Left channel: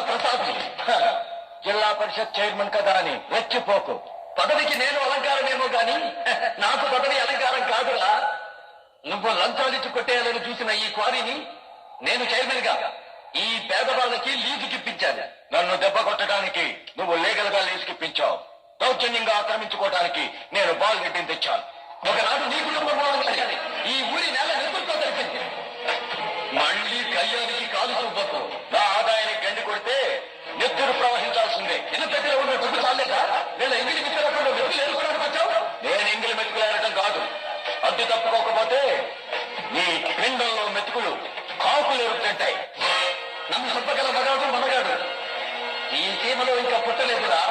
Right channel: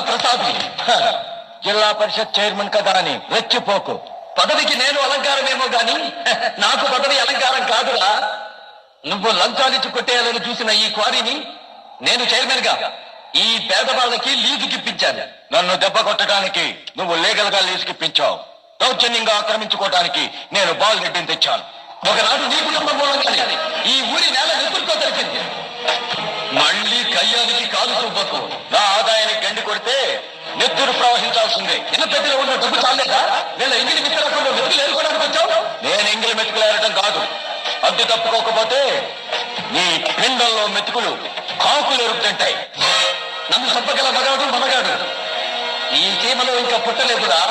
ప్రసాద్ జిల్లా పరిషత్ చైర్మన్ కదా అని రెచ్చిపోకు. పదవికి నేను అలంకారమేమో గాని నాకు పదవి అలంకారం కాదురా. నువ్వు లంచాలిచ్చి కొట్టేయాలని చూసిన ఈ క్వారీని నేను చైర్మన్ గా ఈ పేదవాళ్ళకి లీజుకిప్పించాను. నన్ను దెబ్బ కొట్టడానికి నువ్వు లీగల్ గా లీజుకిప్పించావు. దౌర్జన్యంగా ఆక్రమించుకోవడానికి నేను బాల్ గడ్డిని తెచ్చాను. ఒకనాడు నీ కుటుంబం మూలంగానే ఈ ఊరి నేల నిపుణులతో దొరికింది. మళ్ళీ కయ్యానికి కాలు చూపకు. నా ఆదాయానికి గండి కొడితే నెత్తురు ప్రవహించాల్సిందే. ఇన్న పెద్దలో ఉన్న డబ్బు చాలేదా? వీళ్ళ ఇంగిలి మిత్రులకు మెతుకులు ఏరుకోవడానికి వచ్చావు. నేను ఇంగిలి మెతుకులు ఏరటం కాదు. అడ్డు తప్పుకోకపోతే నీ పిండంలో మెతుకులు ఆకులు ఎరుగుతుంటాయి. నన్ను చెప్పగల మగాడు మనగాడు ఈ సీమలో ఇంకా పుట్టలేదురా.